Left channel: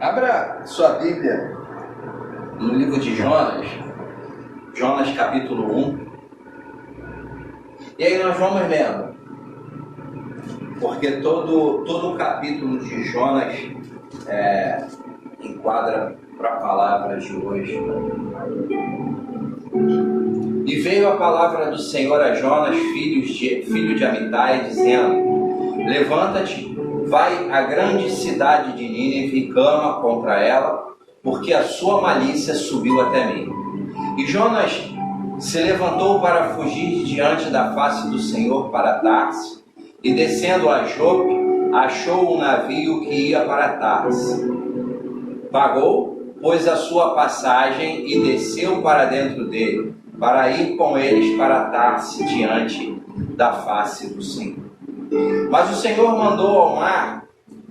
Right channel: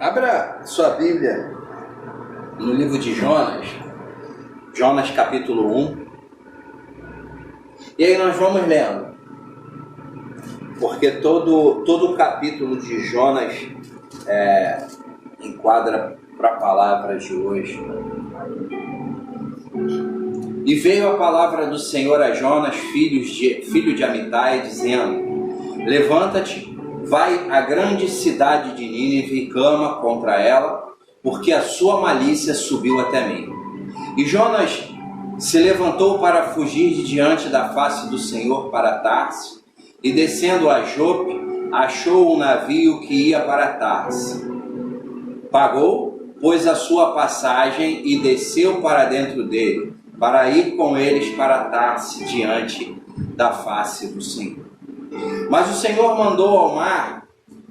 Abra sua Bíblia no livro de Jonas, Jonas capítulo 1. E aí nós vamos lendo, porque todo o capítulo de Jonas enquadra para a palavra de hoje. E veio a palavra do Senhor a Jonas, filho de Amitai, dizendo: levanta-te, vai à grande cidade de Nínive e clama contra ela, porque a sua malícia subiu até mim. E Jonas se levantou para fugir de diante da face do Senhor para Tarse, e descendo a Jope, achou um navio que ia para Tarse. Pagou, pois, a sua passagem e desceu para dentro dele, para ir com eles para Tarse diante da face do Senhor. Mas o Senhor mandou ao mar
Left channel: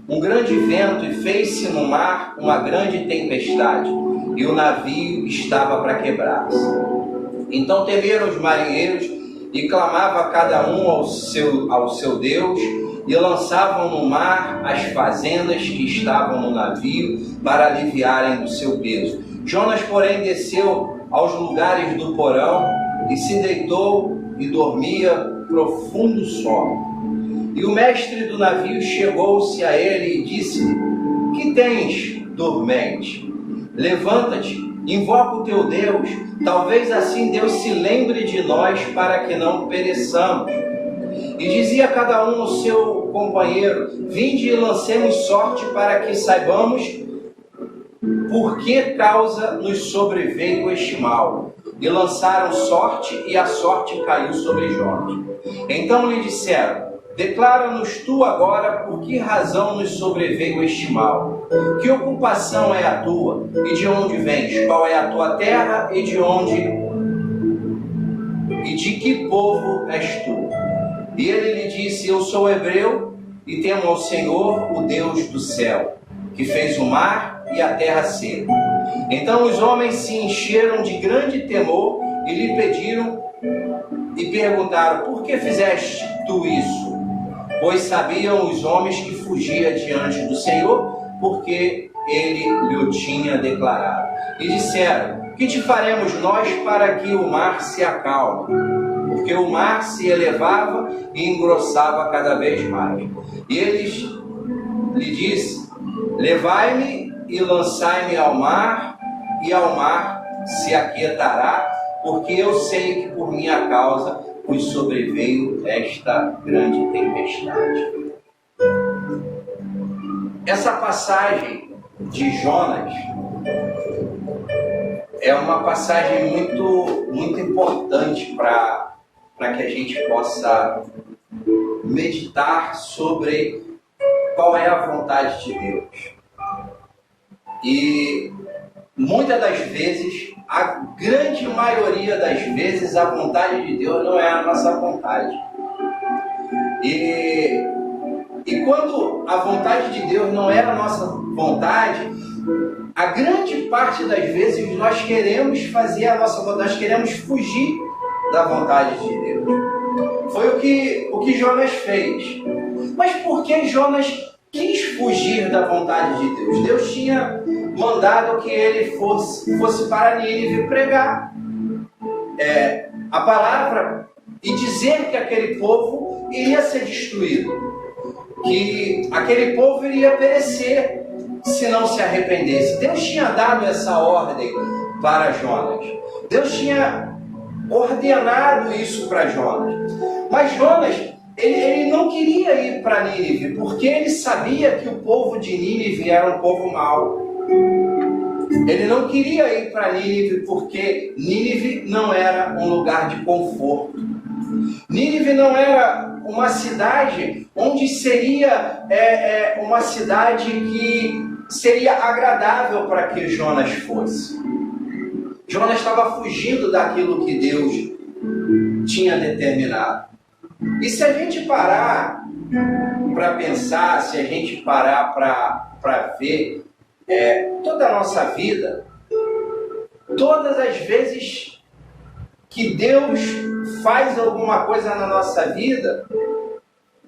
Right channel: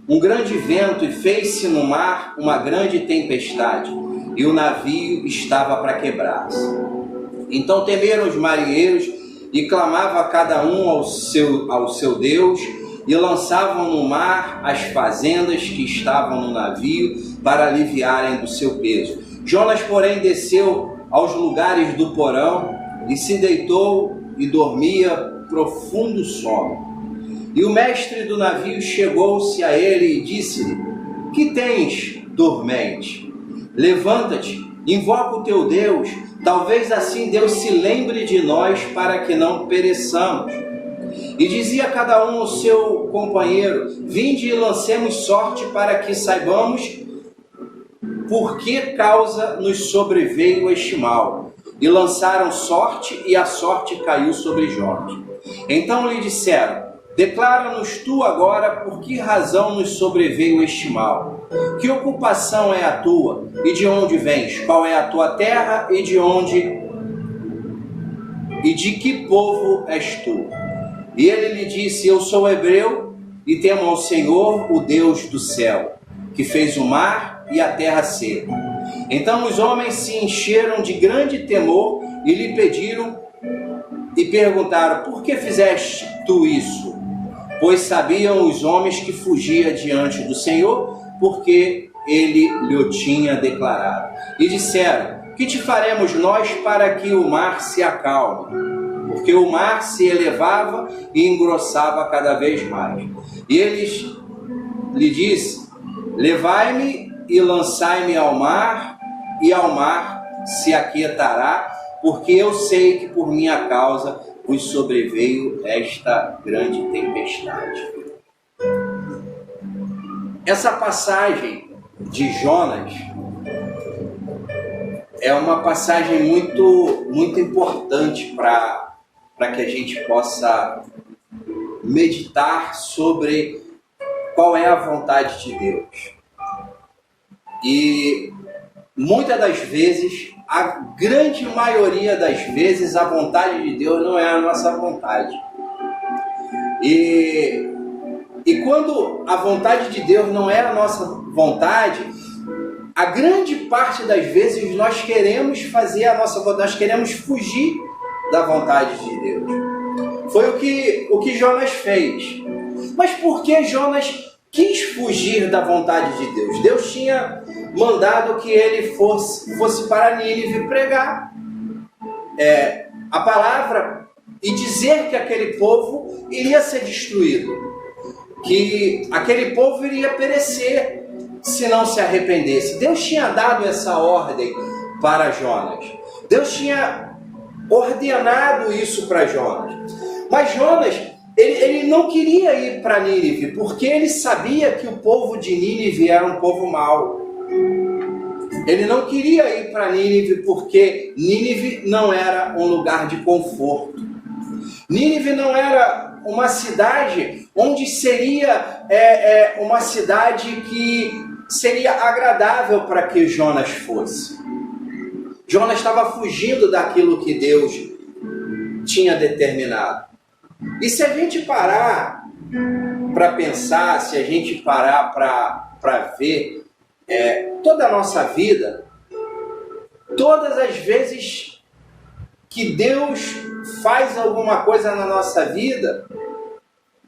um grande vento e fez-se no mar uma grande tempestade, e o navio estava para quebrar-se. Então temeram os marinheiros e clamava cada um ao seu Deus, e lançavam no mar as fazendas que estavam no navio para aliviarem do seu peso. Jonas, porém, desceu aos lugares do porão e se deitou e dormia profundo sono. E o mestre do navio chegou-se a ele e disse-lhe: que tens, dormente? Levanta-te, invoca o teu Deus, talvez assim Deus se lembre de nós para que não pereçamos. E dizia cada um ao seu companheiro: vinde e lancemos sorte para que saibamos por que causa nos sobreveio este mal. E lançaram sorte, e a sorte caiu sobre Jonas. Então lhe disseram: declara-nos tu agora por que razão nos sobreveio este mal. Que ocupação é a tua? E de onde vens? Qual é a tua terra? E de que povo és tu? E ele lhe disse: eu sou hebreu e temo ao Senhor, o Deus do céu, que fez o mar e a terra seca. Então os homens se encheram de grande temor e lhe pediram e perguntaram: por que fizeste tu isso? Pois sabiam os homens que fugia diante do Senhor, porque ele lhe tinha declarado. E disseram: que te faremos nós para que o mar se acalme? Porque o mar se elevava e engrossava cada vez mais. E eles lhe disse: levai-me e lançai-me ao mar, e ao mar se aquietará, porque eu sei que por minha causa vos sobreveio esta grande tempestade. Essa passagem de Jonas é uma passagem muito importante para que a gente possa meditar sobre qual é a vontade de Deus. E muitas das vezes, a grande maioria das vezes, a vontade de Deus não é a nossa vontade. E quando a vontade de Deus não é a nossa vontade, a grande parte das vezes nós queremos fazer a nossa vontade, nós queremos fugir da vontade de Deus. Foi o que Jonas fez. Mas por que Jonas quis fugir da vontade de Deus? Deus tinha mandado que ele fosse para Nínive pregar a palavra e dizer que aquele povo iria ser destruído, que aquele povo iria perecer se não se arrependesse. Deus tinha dado essa ordem para Jonas. Deus tinha ordenado isso para Jonas. Mas Jonas, ele não queria ir para Nínive, porque ele sabia que o povo de Nínive era um povo mau. Ele não queria ir para Nínive porque Nínive não era um lugar de conforto. Nínive não era uma cidade onde seria uma cidade que seria agradável para que Jonas fosse. Jonas estava fugindo daquilo que Deus tinha determinado. E se a gente parar para pensar, se a gente parar para ver toda a nossa vida, todas as vezes que Deus faz alguma coisa na nossa vida,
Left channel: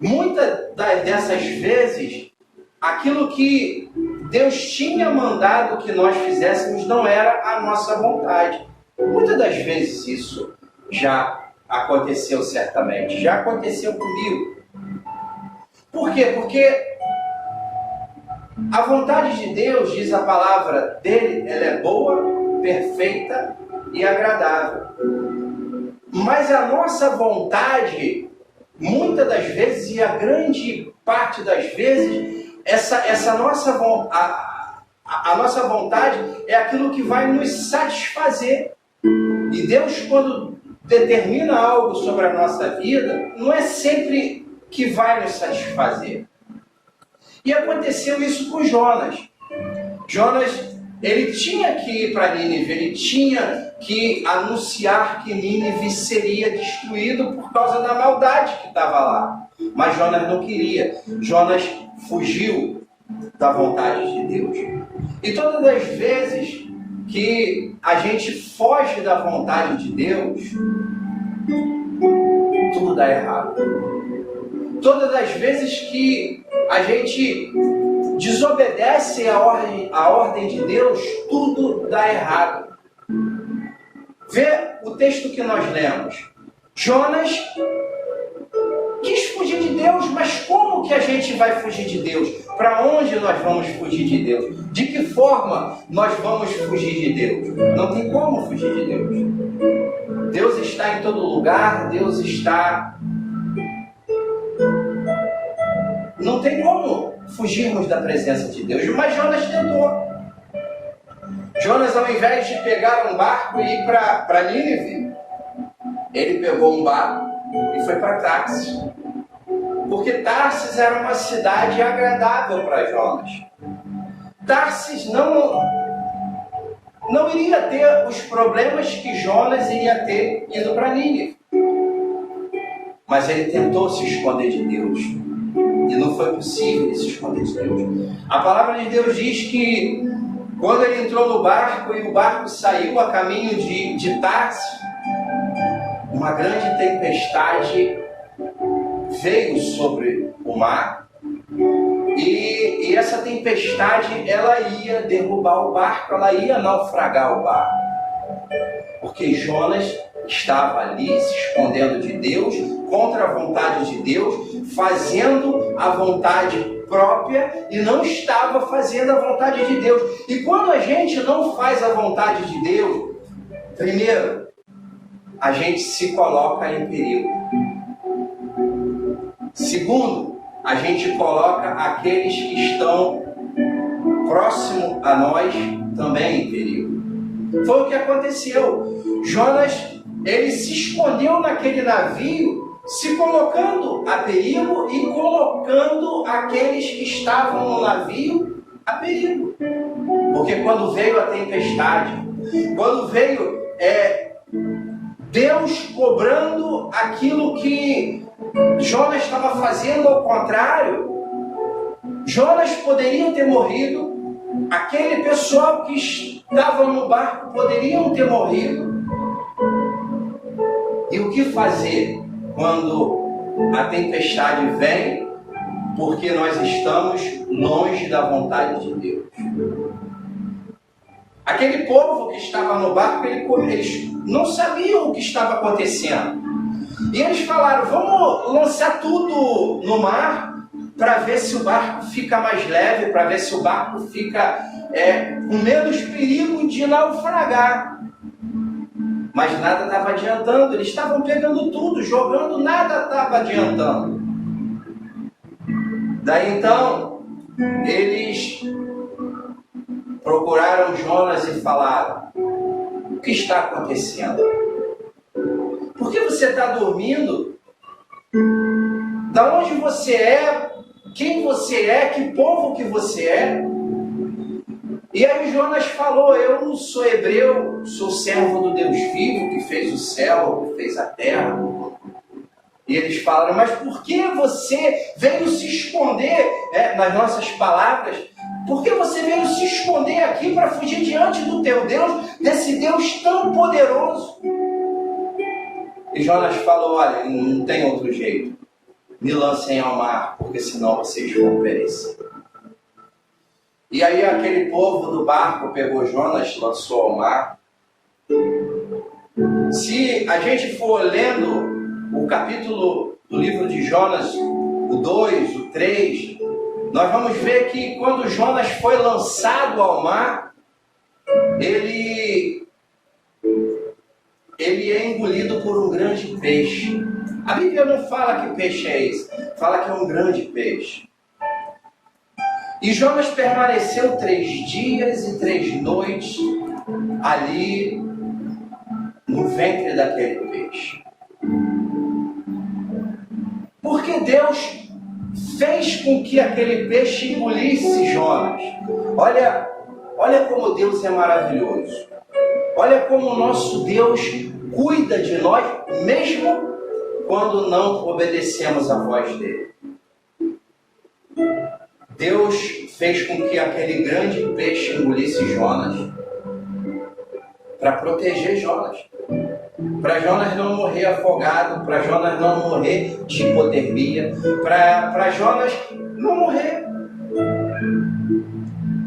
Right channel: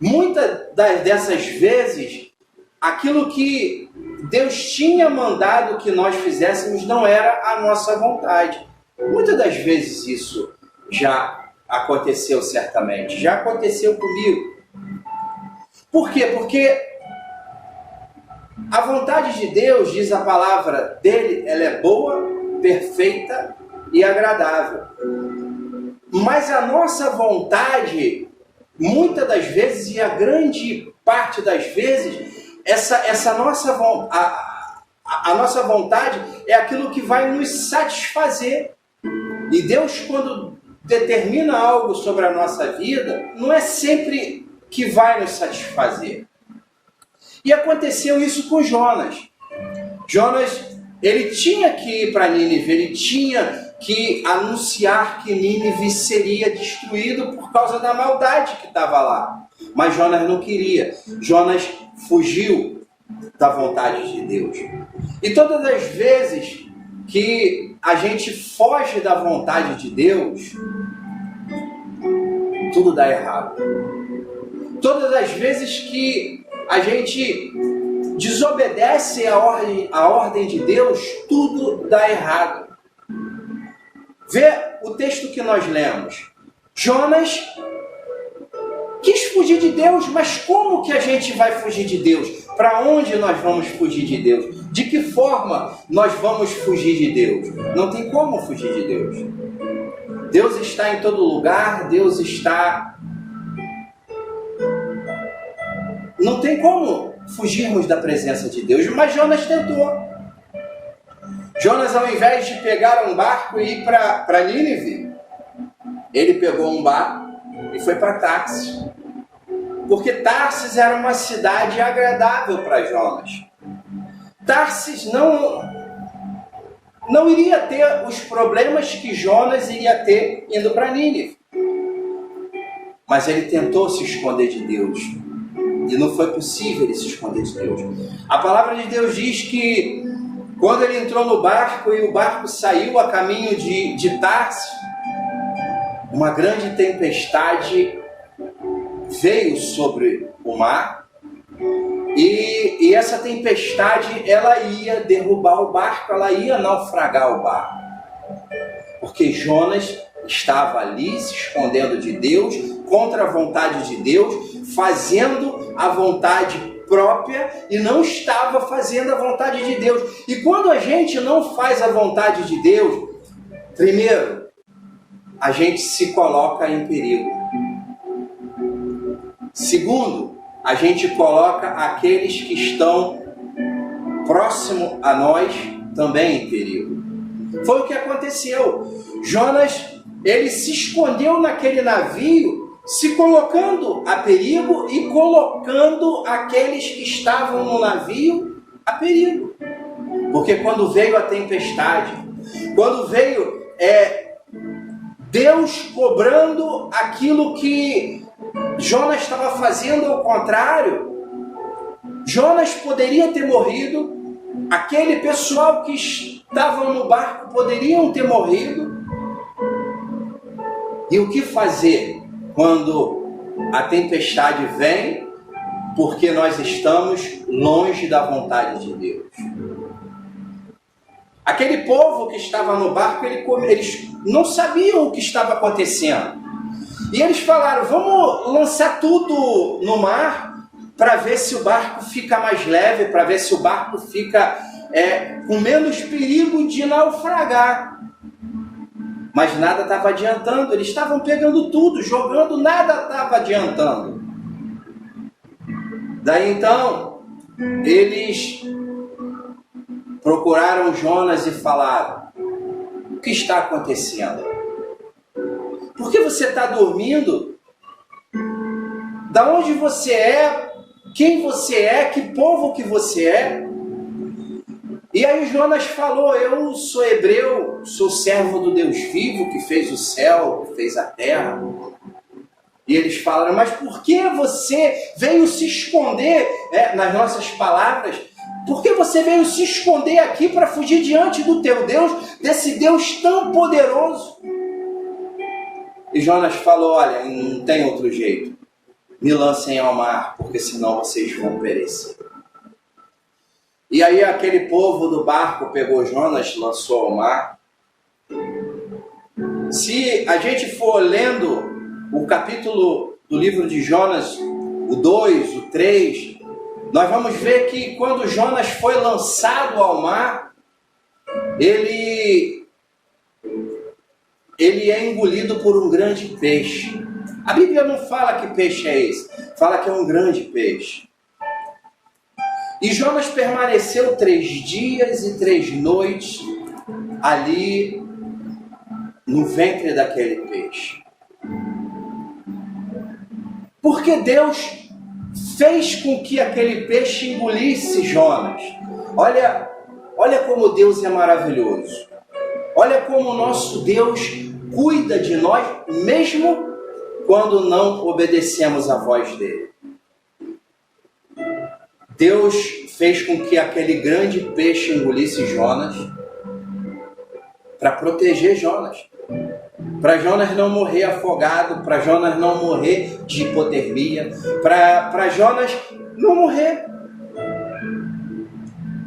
muitas dessas vezes, aquilo que Deus tinha mandado que nós fizéssemos não era a nossa vontade. Muitas das vezes isso já aconteceu certamente, já aconteceu comigo. Por quê? Porque a vontade de Deus, diz a palavra dele, ela é boa, perfeita e agradável. Mas a nossa vontade, muitas das vezes, e a grande parte das vezes, essa nossa a nossa vontade é aquilo que vai nos satisfazer. E Deus, quando determina algo sobre a nossa vida, não é sempre que vai nos satisfazer. E aconteceu isso com Jonas. Jonas, ele tinha que ir para Nínive, ele tinha que anunciar que Nínive seria destruído por causa da maldade que estava lá. Mas Jonas não queria. Jonas fugiu da vontade de Deus. E todas as vezes que a gente foge da vontade de Deus, tudo dá errado. Todas as vezes que a gente desobedece a ordem de Deus, tudo dá errado. Vê o texto que nós lemos. Jonas quis fugir de Deus, mas como que a gente vai fugir de Deus? Para onde nós vamos fugir de Deus? De que forma nós vamos fugir de Deus? Não tem como fugir de Deus. Deus está em todo lugar, Deus está... Não tem como fugirmos da presença de Deus, mas Jonas tentou. Jonas, ao invés de pegar um barco e ir para Nínive, ele pegou um barco e foi para Tarsis. Porque Tarsis era uma cidade agradável para Jonas. Tarsis não iria ter os problemas que Jonas iria ter indo para Nínive. Mas ele tentou se esconder de Deus. E não foi possível ele se esconder de Deus. A palavra de Deus diz que quando ele entrou no barco e o barco saiu a caminho de Tarsis, uma grande tempestade veio sobre o mar. E essa tempestade, ela ia derrubar o barco, ela ia naufragar o barco. Porque Jonas estava ali se escondendo de Deus, contra a vontade de Deus, fazendo a vontade própria e não estava fazendo a vontade de Deus. E quando a gente não faz a vontade de Deus, primeiro, a gente se coloca em perigo. Segundo, a gente coloca aqueles que estão próximo a nós também em perigo. Foi o que aconteceu. Jonas, ele se escondeu naquele navio, se colocando a perigo e colocando aqueles que estavam no navio a perigo. Porque quando veio a tempestade, quando veio Deus cobrando aquilo que Jonas estava fazendo ao contrário, Jonas poderia ter morrido, aquele pessoal que estava no barco poderiam ter morrido. E o que fazer quando a tempestade vem, porque nós estamos longe da vontade de Deus? Aquele povo que estava no barco, eles não sabiam o que estava acontecendo. E eles falaram, vamos lançar tudo no mar para ver se o barco fica mais leve, para ver se o barco fica com menos perigo de naufragar. Mas nada estava adiantando, eles estavam pegando tudo, jogando, nada estava adiantando. Daí então, eles procuraram Jonas e falaram, o que está acontecendo? Por que você está dormindo? Da onde você é? Quem você é? Que povo que você é? E aí Jonas falou, eu sou hebreu, sou servo do Deus vivo, que fez o céu, que fez a terra. E eles falaram, mas por que você veio se esconder, nas nossas palavras, por que você veio se esconder aqui para fugir diante do teu Deus, desse Deus tão poderoso? E Jonas falou, olha, não tem outro jeito, me lancem ao mar, porque senão vocês vão perecer. E aí aquele povo do barco pegou Jonas, lançou ao mar. Se a gente for lendo o capítulo do livro de Jonas, o 2, o 3, nós vamos ver que quando Jonas foi lançado ao mar, ele é engolido por um grande peixe. A Bíblia não fala que peixe é esse, fala que é um grande peixe. E Jonas permaneceu 3 dias e 3 noites ali no ventre daquele peixe. Porque Deus fez com que aquele peixe engolisse Jonas. Olha como Deus é maravilhoso. Olha como o nosso Deus cuida de nós, mesmo quando não obedecemos a voz dele. Deus fez com que aquele grande peixe engolisse Jonas para proteger Jonas. Para Jonas não morrer afogado, para Jonas não morrer de hipotermia, para Jonas não morrer.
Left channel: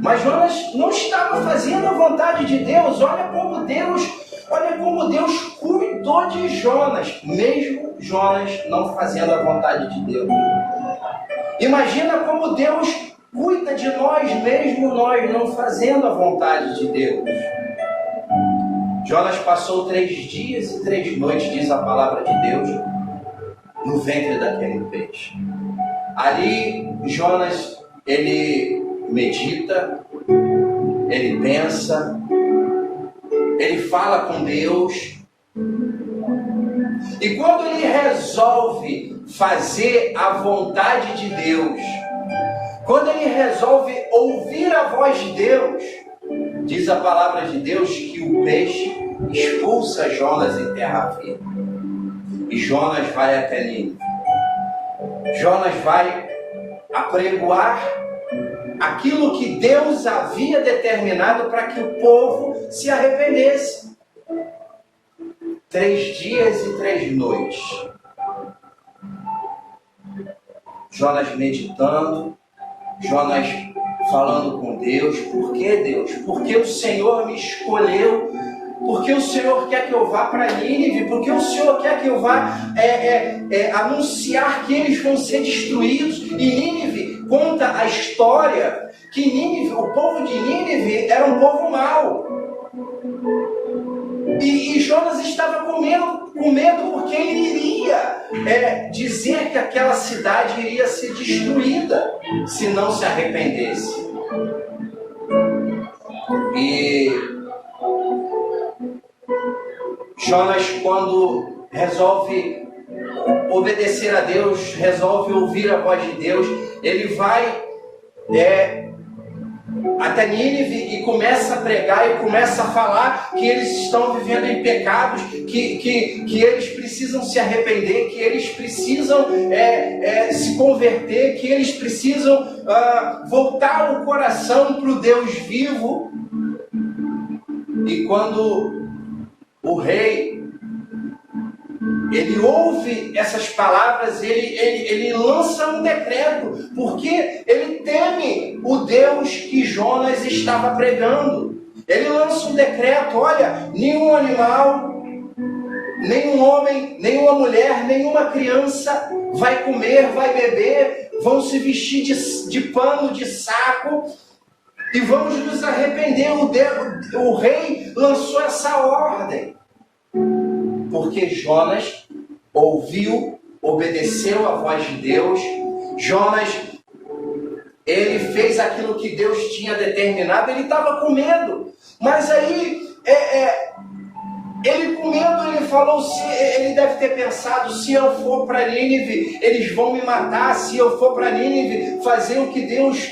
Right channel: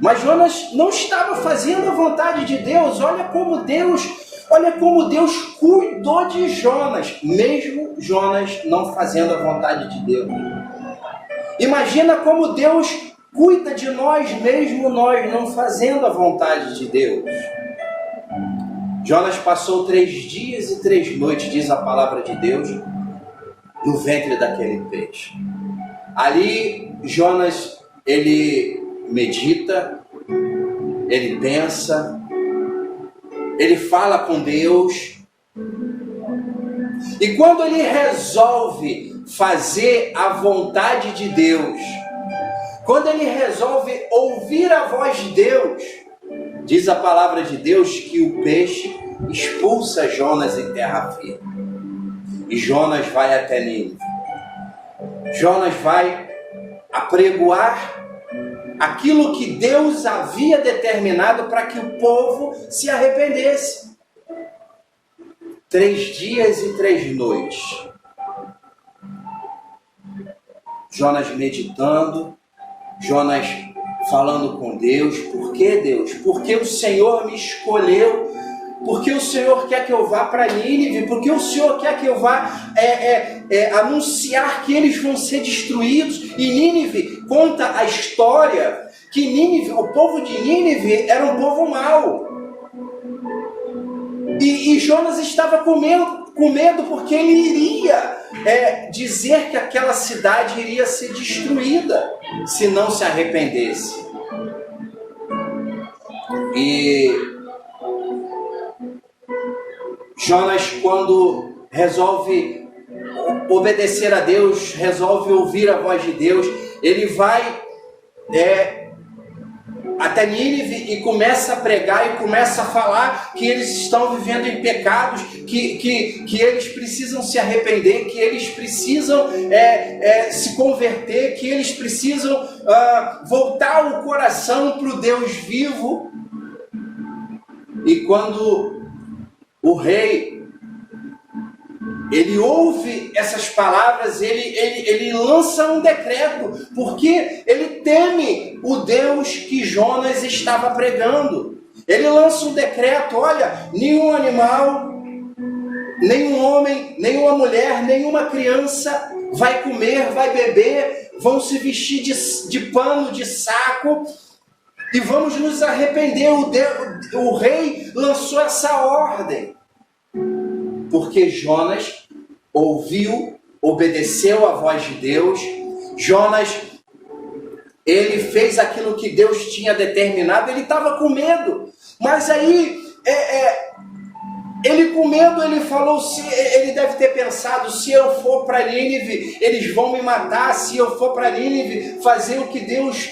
Mas Jonas não estava fazendo a vontade de Deus. Olha como Deus cuidou de Jonas, mesmo Jonas não fazendo a vontade de Deus. Imagina como Deus cuida de nós, mesmo nós não fazendo a vontade de Deus. Jonas passou 3 dias e 3 noites, diz a palavra de Deus, no ventre daquele peixe. Ali, Jonas, ele medita, ele pensa, ele fala com Deus. E quando ele resolve fazer a vontade de Deus, quando ele resolve ouvir a voz de Deus, diz a palavra de Deus que o peixe expulsa Jonas em terra firme. E Jonas vai até Nínive. Jonas vai apregoar aquilo que Deus havia determinado para que o povo se arrependesse. 3 dias e 3 noites. Jonas meditando, Jonas falando com Deus. Por que, Deus? Porque o Senhor me escolheu. Porque o Senhor quer que eu vá para Nínive. Porque o Senhor quer que eu vá anunciar que eles vão ser destruídos. E Nínive conta a história que Nínive, o povo de Nínive era um povo mau. E Jonas estava com medo porque ele iria dizer que aquela cidade iria ser destruída se não se arrependesse. E Jonas, quando resolve obedecer a Deus, resolve ouvir a voz de Deus, ele vai até Nínive e começa a pregar e começa a falar que eles estão vivendo em pecados, que eles precisam se arrepender, que eles precisam se converter, que eles precisam voltar o coração para o Deus vivo. E quando o rei ele ouve essas palavras, ele lança um decreto, porque ele teme o Deus que Jonas estava pregando. Ele lança um decreto: olha, nenhum animal, nenhum homem, nenhuma mulher, nenhuma criança vai comer, vai beber, vão se vestir de pano, de saco, e vamos nos arrepender. O rei lançou essa ordem, porque Jonas ouviu, obedeceu a voz de Deus. Jonas, ele fez aquilo que Deus tinha determinado. Ele estava com medo, mas aí, ele com medo, ele falou, ele deve ter pensado: se eu for para Nínive, eles vão me matar. Se eu for para Nínive fazer o que Deus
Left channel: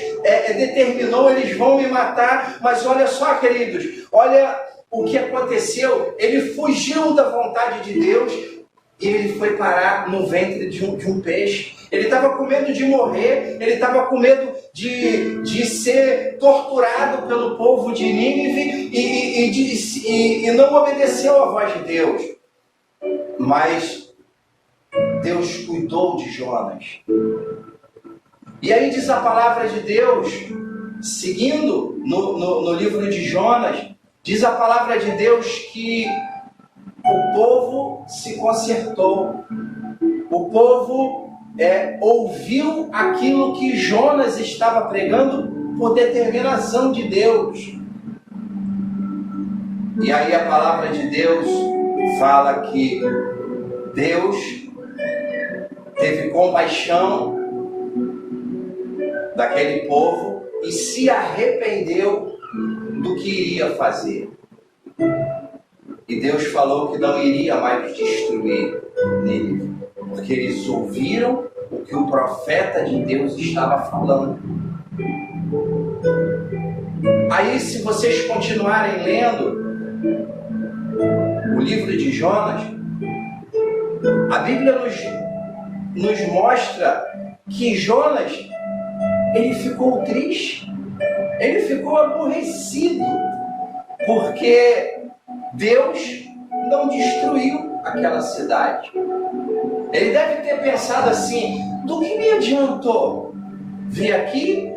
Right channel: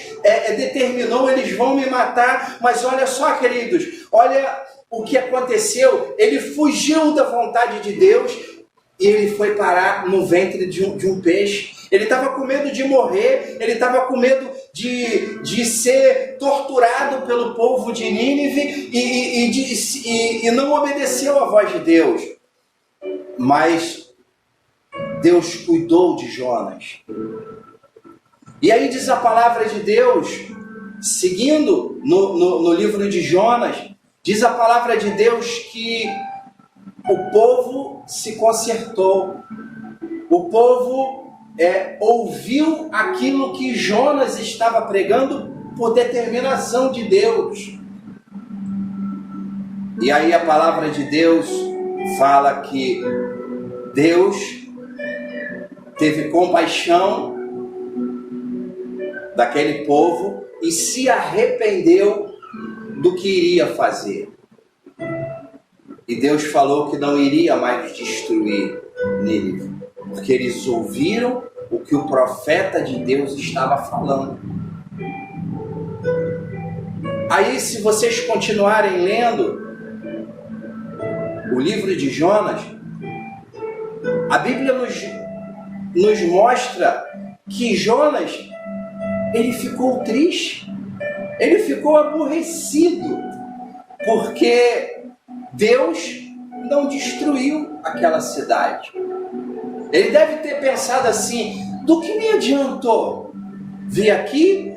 determinou, eles vão me matar. Mas olha só, queridos, olha o que aconteceu. Ele fugiu da vontade de Deus e ele foi parar no ventre de um peixe. Ele estava com medo de morrer, ele estava com medo de ser torturado pelo povo de Nínive e não obedeceu à voz de Deus. Mas Deus cuidou de Jonas. E aí diz a palavra de Deus seguindo no livro de Jonas, diz a palavra de Deus que o povo se consertou. O povo ouviu aquilo que Jonas estava pregando por determinação de Deus. E aí a palavra de Deus fala que Deus teve compaixão daquele povo e se arrependeu do que iria fazer. E Deus falou que não iria mais destruir Nínive, porque eles ouviram o que o profeta de Deus estava falando. Aí, se vocês continuarem lendo o livro de Jonas, a Bíblia nos mostra que Jonas, ele ficou triste, ele ficou aborrecido, porque Deus não destruiu aquela cidade. Ele deve ter pensado assim: do que me adiantou vir aqui,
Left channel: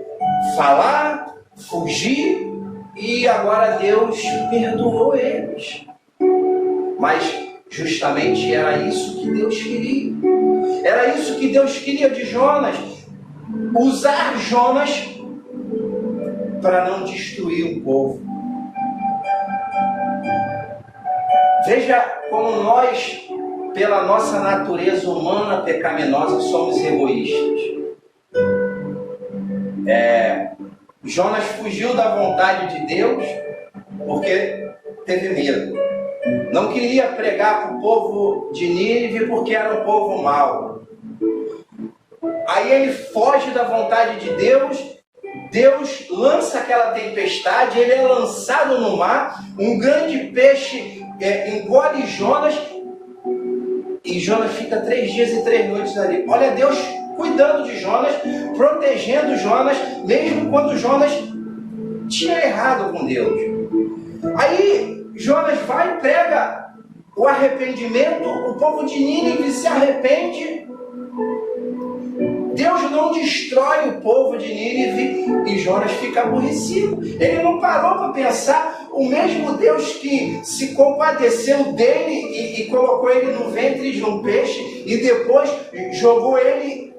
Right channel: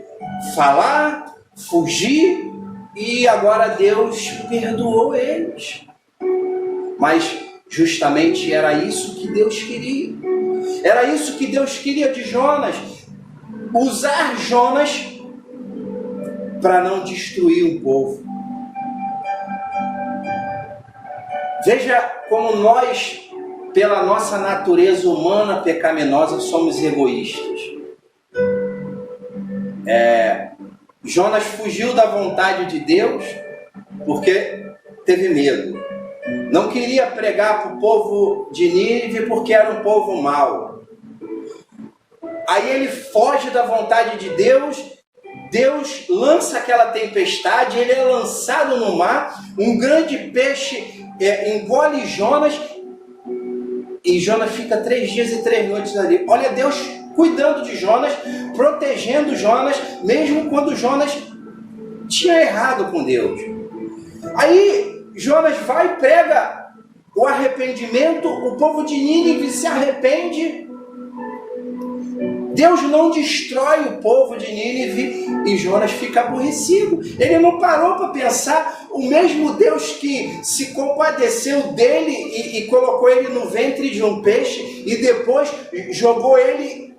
falar, fugir, e agora Deus perdoou eles? Mas justamente era isso que Deus queria. Era isso que Deus queria de Jonas. Usar Jonas para não destruir o povo. Veja como nós, pela nossa natureza humana pecaminosa, somos egoístas. Jonas fugiu da vontade de Deus porque teve medo. Não queria pregar para o povo de Nínive porque era um povo mau. Aí ele foge da vontade de Deus. Deus lança aquela tempestade, ele é lançado no mar, um grande peixe engole Jonas, e Jonas fica 3 dias e 3 noites ali. Olha Deus cuidando de Jonas, protegendo Jonas, mesmo quando Jonas tinha errado com Deus. Aí Jonas vai e prega o arrependimento, o povo de Nínive se arrepende. Deus não destrói o povo de Nínive e Jonas fica aborrecido. Ele não parou para pensar, o mesmo Deus que se compadeceu dele e colocou ele no ventre de um peixe e depois jogou ele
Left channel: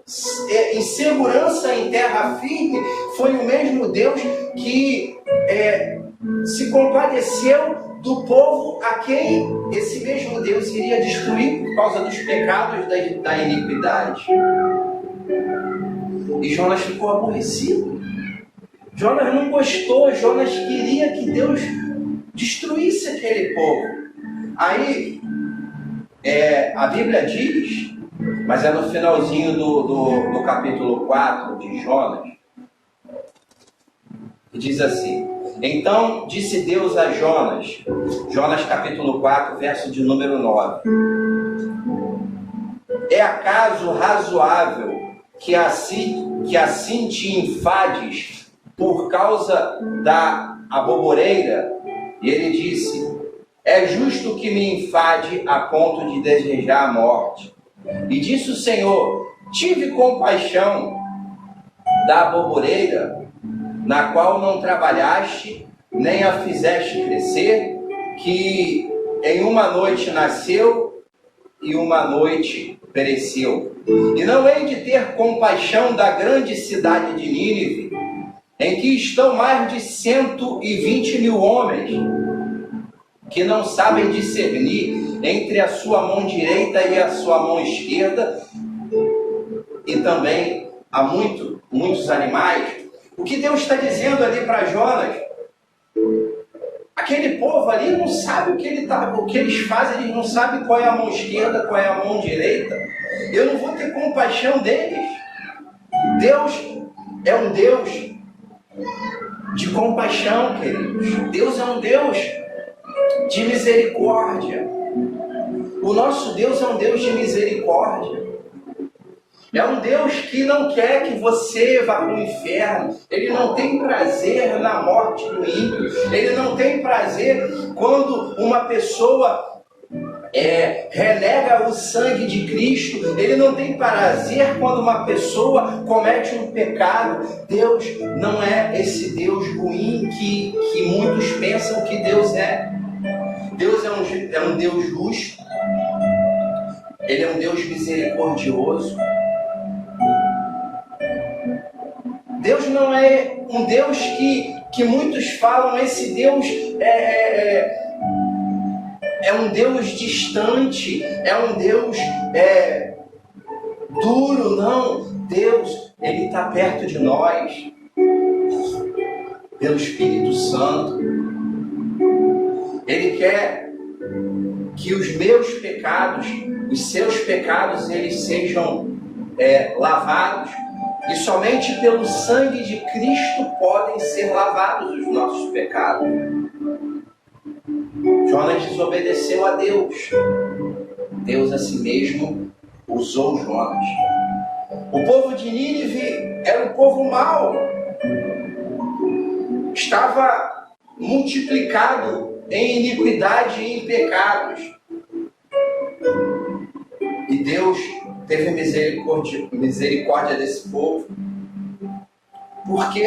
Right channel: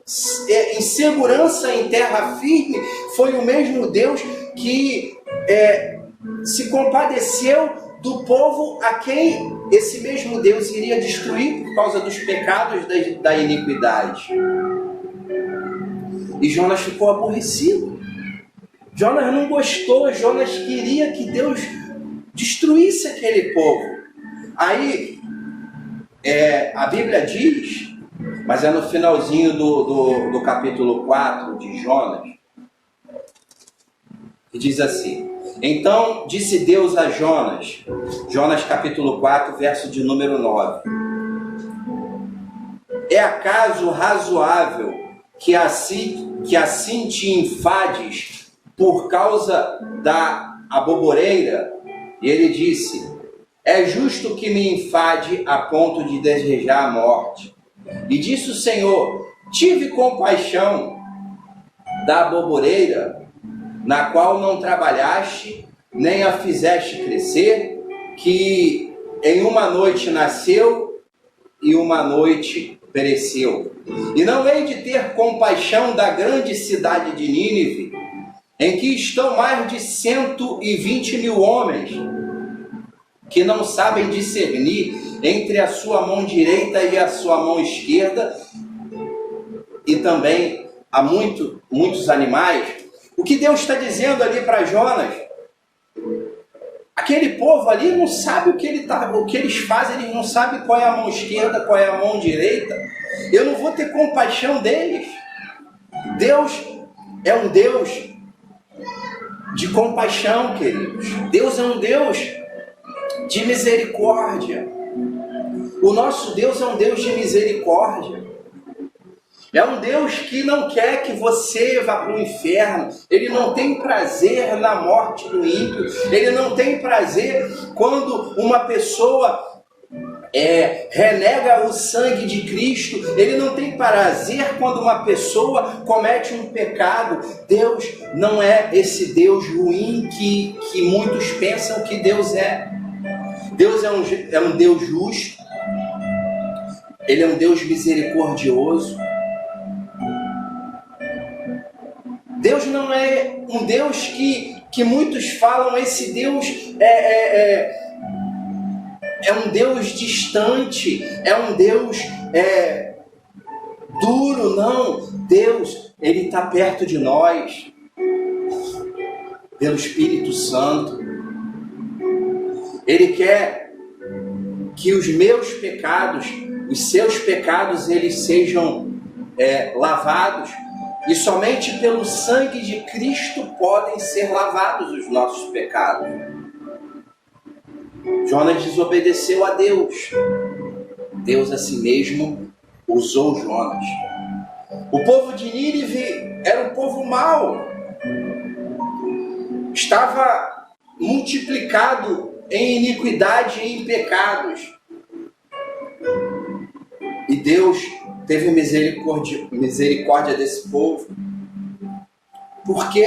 em segurança em terra firme, foi o mesmo Deus que se compadeceu do povo a quem esse mesmo Deus iria destruir por causa dos pecados da iniquidade. E Jonas ficou aborrecido. Jonas não gostou, Jonas queria que Deus destruísse aquele povo. Aí, a Bíblia diz, mas é no finalzinho do capítulo 4 de Jonas, que diz assim: então disse Deus a Jonas, Jonas capítulo 4, verso de número 9: é acaso razoável que assim te enfades por causa da aboboreira? E ele disse: é justo que me enfade a ponto de desejar a morte. E disse o Senhor: tive compaixão da aboboreira, na qual não trabalhaste, nem a fizeste crescer, que em uma noite nasceu e uma noite pereceu. E não hei de ter compaixão da grande cidade de Nínive, em que estão mais de 120 mil homens, que não sabem discernir entre a sua mão direita e a sua mão esquerda, e também há muitos animais. O que Deus está dizendo ali para Jonas? Aquele povo ali não sabe o que eles fazem, eles não sabem qual é a mão esquerda, qual é a mão direita. Eu não vou ter compaixão deles. Deus é um Deus de compaixão, queridos. Deus é um Deus de misericórdia. O nosso Deus é um Deus de misericórdia. É um Deus que não quer que você vá para o inferno. Ele não tem prazer na morte do ímpio. Ele não tem prazer quando uma pessoa renega o sangue de Cristo, ele não tem prazer quando uma pessoa comete um pecado. Deus não é esse Deus ruim que muitos pensam que Deus é. Deus é um Deus justo, ele é um Deus misericordioso. Deus não é um Deus que muitos falam, esse Deus é um Deus distante, é um Deus duro. Não, Deus, ele está perto de nós, pelo Espírito Santo. Ele quer que os meus pecados, os seus pecados, eles sejam lavados, e somente pelo sangue de Cristo podem ser lavados os nossos pecados. Jonas desobedeceu a Deus. Deus a si mesmo usou Jonas. O povo de Nínive era um povo mau. Estava multiplicado em iniquidade e em pecados. E Deus teve misericórdia desse povo. Por que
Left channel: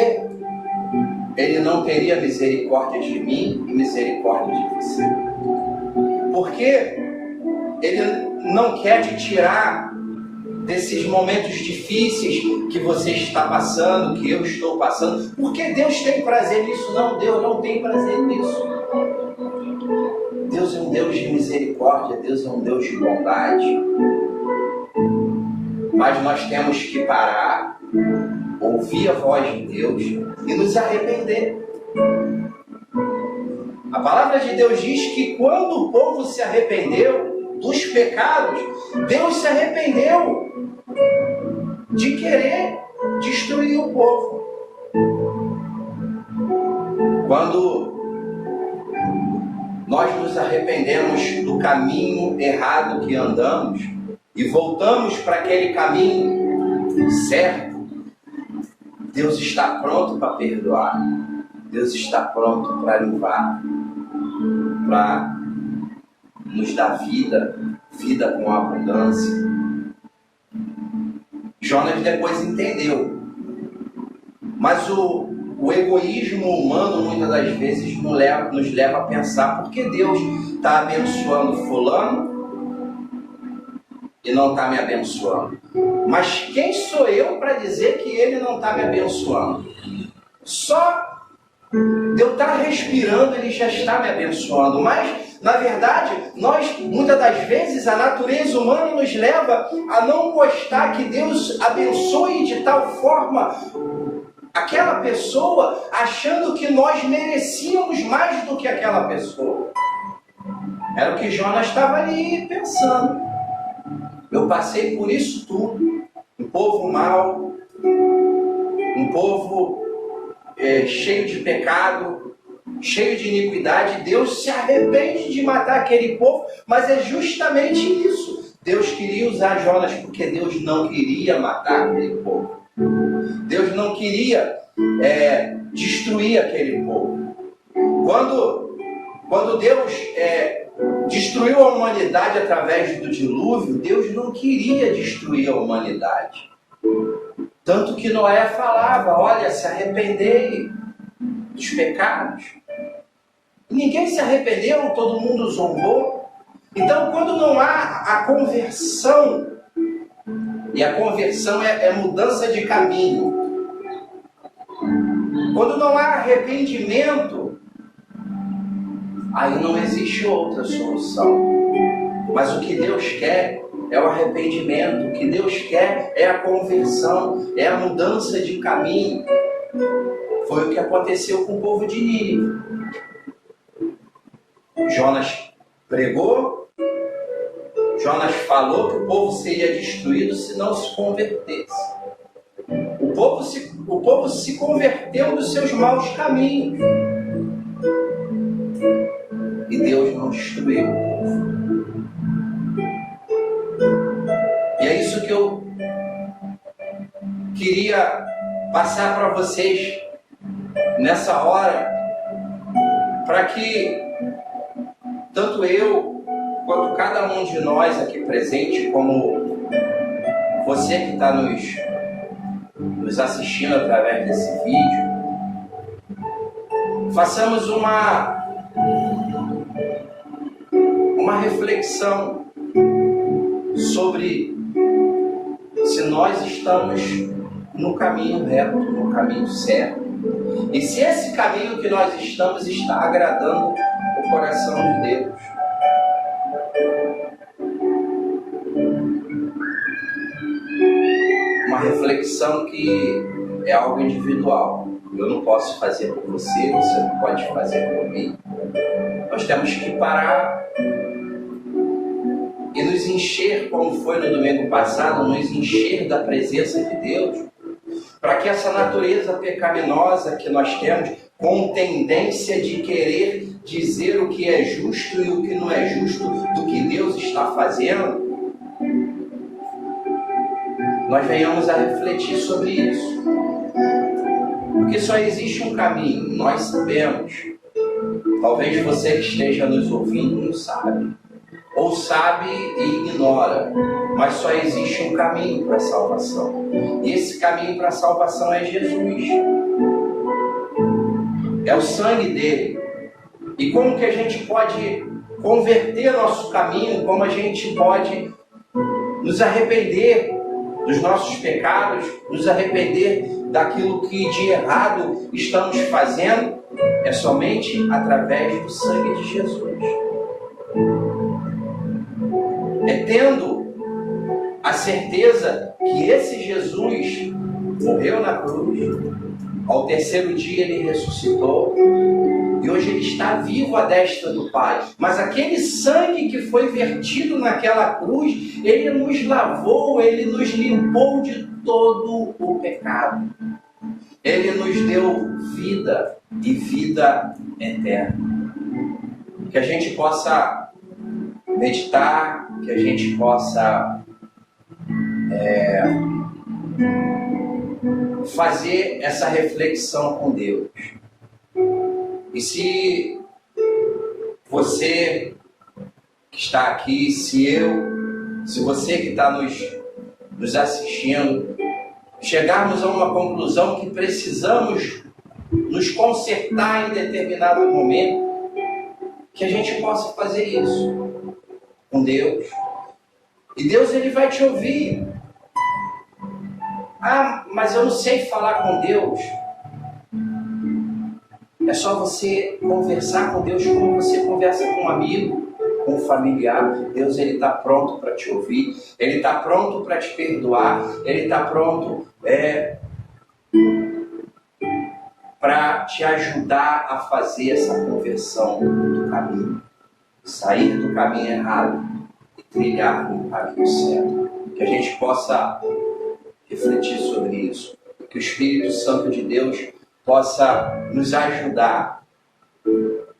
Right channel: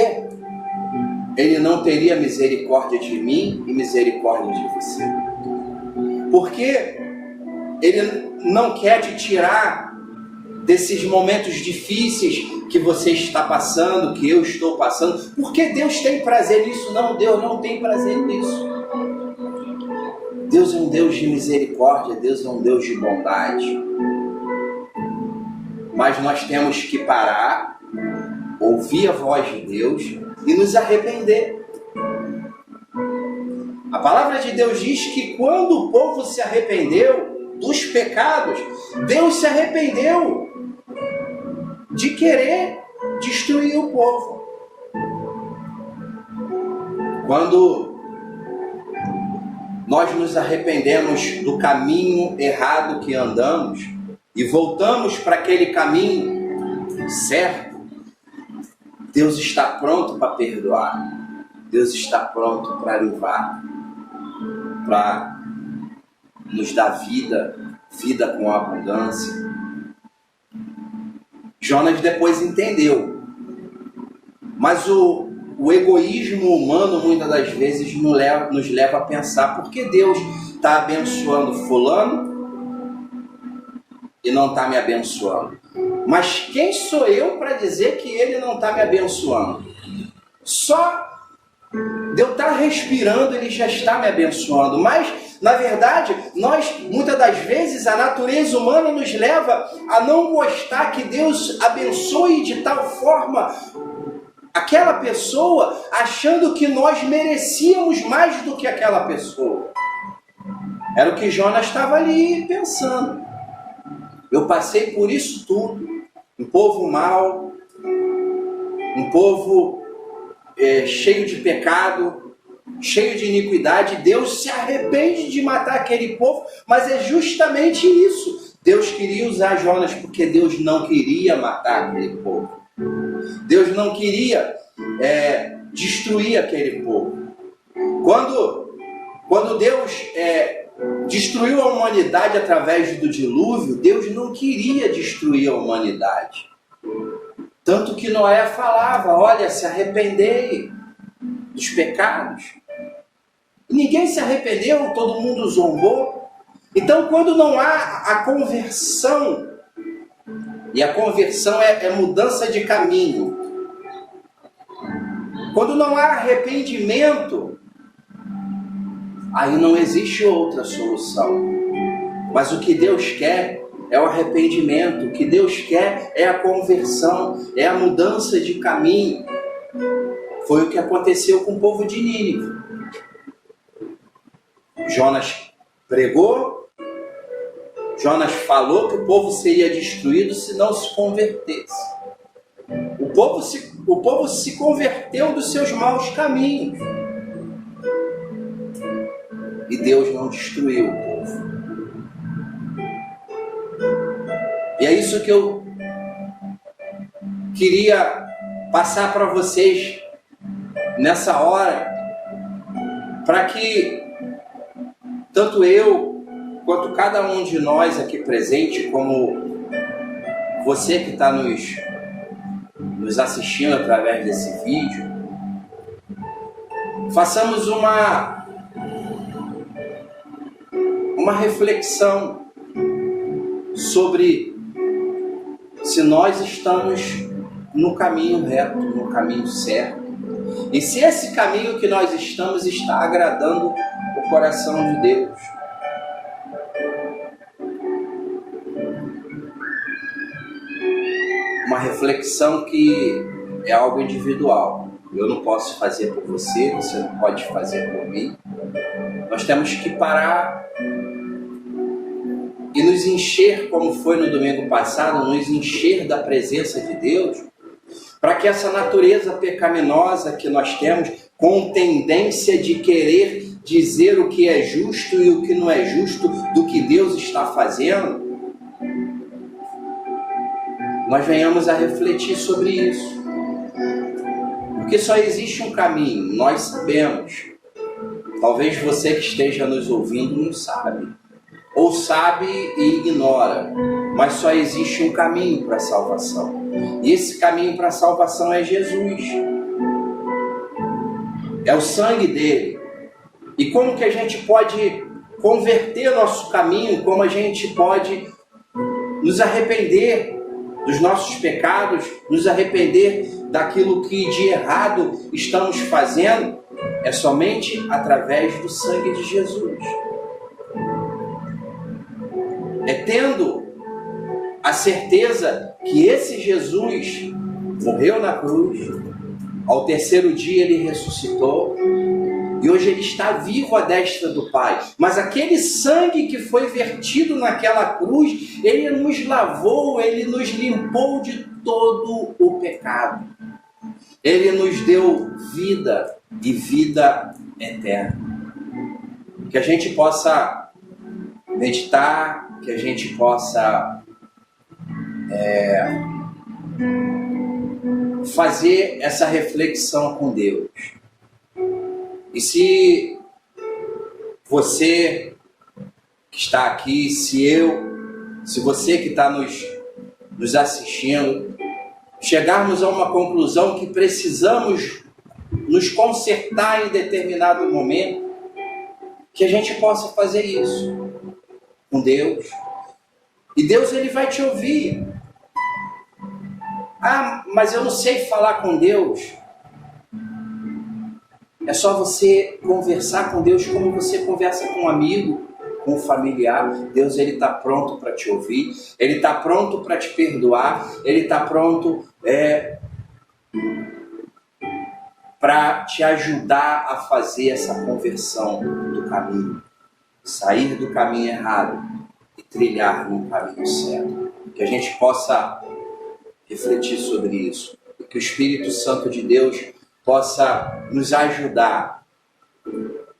ele não teria misericórdia de mim e misericórdia de você? Porque ele não quer te tirar desses momentos difíceis que você está passando, que eu estou passando. Porque Deus tem prazer nisso? Não, Deus não tem prazer nisso. Deus é um Deus de misericórdia, Deus é um Deus de bondade. Mas nós temos que parar, ouvir a voz de Deus e nos arrepender. A palavra de Deus diz que quando o povo se arrependeu dos pecados, Deus se arrependeu de querer destruir o povo. Quando nós nos arrependemos do caminho errado que andamos e voltamos para aquele caminho certo, Deus está pronto para perdoar. Deus está pronto para limpar, para nos dar vida com abundância. Jonas depois entendeu. Mas o egoísmo humano muitas das vezes nos leva a pensar: por que Deus está abençoando fulano e não está me abençoando? Mas quem sou eu para dizer que ele não está me abençoando? Só de eu estar respirando, ele já está me abençoando. Mas, na verdade, muitas das vezes, a natureza humana nos leva a não gostar que Deus abençoe de tal forma aquela pessoa, achando que nós merecíamos mais do que aquela pessoa. Era o que Jonas estava ali pensando. Eu passei por isso tudo. Um povo mau, um povo cheio de pecado, cheio de iniquidade. Deus se arrepende de matar aquele povo, mas é justamente isso. Deus queria usar Jonas porque Deus não queria matar aquele povo. Deus não queria destruir aquele povo. Quando Deus destruiu a humanidade através do dilúvio, Deus não queria destruir a humanidade. Tanto que Noé falava: olha, se arrependei dos pecados. E ninguém se arrependeu, todo mundo zombou. Então, quando não há a conversão, e a conversão é mudança de caminho, quando não há arrependimento, aí não existe outra solução. Mas o que Deus quer é o arrependimento. O que Deus quer é a conversão, é a mudança de caminho. Foi o que aconteceu com o povo de Nínive. Jonas pregou, Jonas falou que o povo seria destruído se não se convertesse. O povo se converteu dos seus maus caminhos. E Deus não destruiu o povo. E é isso que eu queria passar para vocês nessa hora, para que tanto eu enquanto cada um de nós aqui presente, como você que está nos assistindo através desse vídeo, façamos uma reflexão sobre se nós estamos no caminho reto, no caminho certo, e se esse caminho que nós estamos está agradando o coração de Deus. Uma reflexão que é algo individual. Eu não posso fazer por você, você não pode fazer por mim. Nós temos que parar e nos encher, como foi no domingo passado, nos encher da presença de Deus, para que essa natureza pecaminosa que nós temos, com tendência de querer dizer o que é justo e o que não é justo do que Deus está fazendo, nós venhamos a refletir sobre isso. Porque só existe um caminho, nós sabemos. Talvez você que esteja nos ouvindo não sabe, ou sabe e ignora, mas só existe um caminho para a salvação. E esse caminho para a salvação é Jesus. É o sangue dele. E como que a gente pode converter nosso caminho, como a gente pode nos arrepender dos nossos pecados, nos arrepender daquilo que de errado estamos fazendo, é somente através do sangue de Jesus. É tendo a certeza que esse Jesus morreu na cruz, ao terceiro dia ele ressuscitou, e hoje ele está vivo à destra do Pai. Mas aquele sangue que foi vertido naquela cruz, ele nos lavou, ele nos limpou de todo o pecado. Ele nos deu vida e vida eterna. Que a gente possa meditar, que a gente possa fazer essa reflexão com Deus. E se você que está aqui, se você que está nos assistindo, chegarmos a uma conclusão que precisamos nos consertar em determinado momento, que a gente possa fazer isso com Deus. E Deus, ele vai te ouvir. Ah, mas eu não sei falar com Deus. É só você conversar com Deus como você conversa com um amigo, com um familiar. Deus, ele está pronto para te ouvir, ele está pronto para te perdoar, ele está pronto para te ajudar a fazer essa conversão do caminho, sair do caminho errado e trilhar no caminho certo. Que a gente possa refletir sobre isso, que o Espírito Santo de Deus possa nos ajudar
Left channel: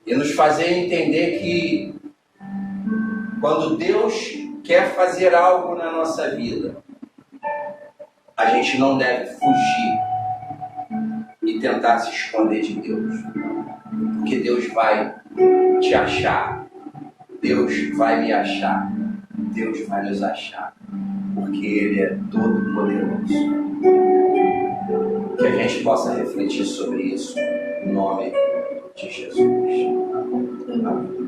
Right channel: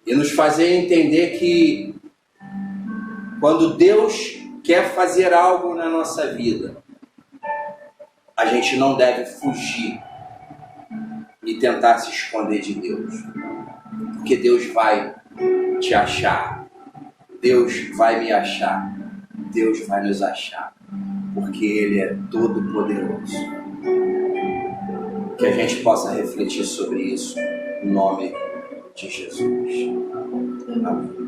e nos fazer entender que quando Deus quer fazer algo na nossa vida, a gente não deve fugir e tentar se esconder de Deus, porque Deus vai te achar, Deus vai me achar, Deus vai nos achar, porque Ele é todo poderoso. Que a gente possa refletir sobre isso, em nome de Jesus. Amém.